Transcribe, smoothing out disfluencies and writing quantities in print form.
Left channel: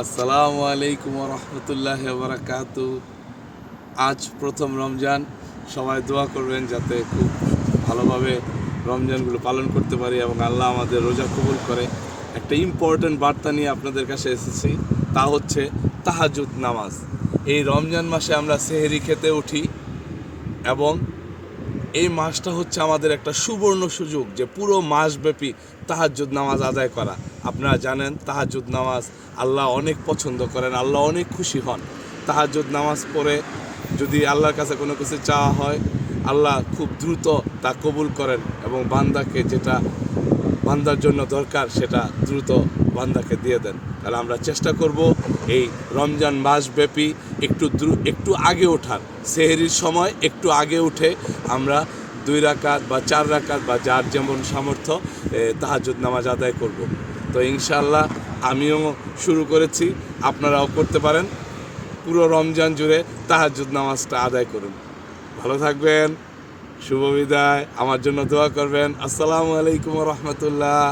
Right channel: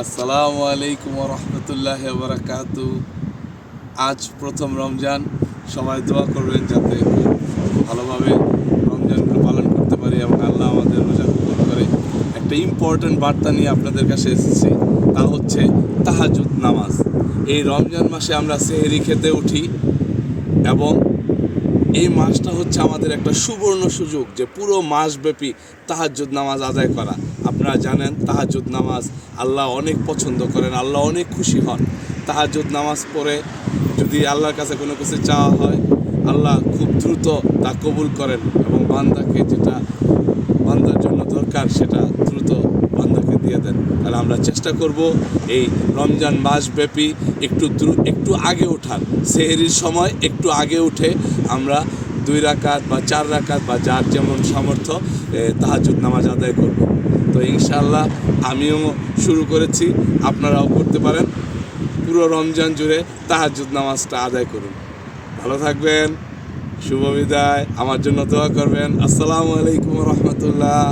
আসসালামু আলাইকুম রহমতুল্লাহ বারাকাতু। আজ প্রথম রমজান, সবাই দোয়া করবেন যাতে খুব ভালোভাবে রমজানগুলো পালন করতে পারি এবং আল্লাহ আমাদের রোজা কবুল করে। একটা ইম্পর্ট্যান্ট বার্তা নিয়ে আপনাদের কাছে এসেছি, তা হচ্ছে তাহাজ্জুদ নামাজ। এই রমজান মাসে আমরা সেহরি খেতে উঠি এবং এই মাসটা হচ্ছে আমাদের একটা সুবর্ণ সুযোগ যে পুরো মাসব্যাপী তাহাজ্জুদ নামাজ আদায় করা। আপনারা জানেন তাহাজ্জুদ নামাজ আল্লাহ অনেক পছন্দ করেন, আল্লাহ অনেক খুশি হন। তাহাজ্জুদ নামাজ পড়ে যদি আল্লাহর কাছে কোনো কিছু চাওয়া হয়, আল্লাহ খুব দ্রুত তা কবুল করেন এবং বান্দাকে যেটা বান্দার জন্য দরকার সেটা দ্রুত বান্দাকে দিয়ে দেন। তাহলে আমরা চেষ্টা করব এই রমজান মাসব্যাপী একটু আগে ওঠার, সেহরির সময় একটু আগে উঠে আমরা 2 রাকাত বা 4 রাকাত বা যার যেমন সামর্থ্য তাহাজ্জুদ নামাজ আদায় করব। তো ইনশাআল্লাহ আমিও শুরু করেছি, আপনারাও করতে পারেন। পুরো রমজান জুড়ে তাহাজ্জুদ নামাজটা আদায় করুন। ভালো থাকবেন, শুভ বিদায়, আমার জন্য দোয়া করবেন। আসসালামু আলাইকুম রহমতুল্লাহ।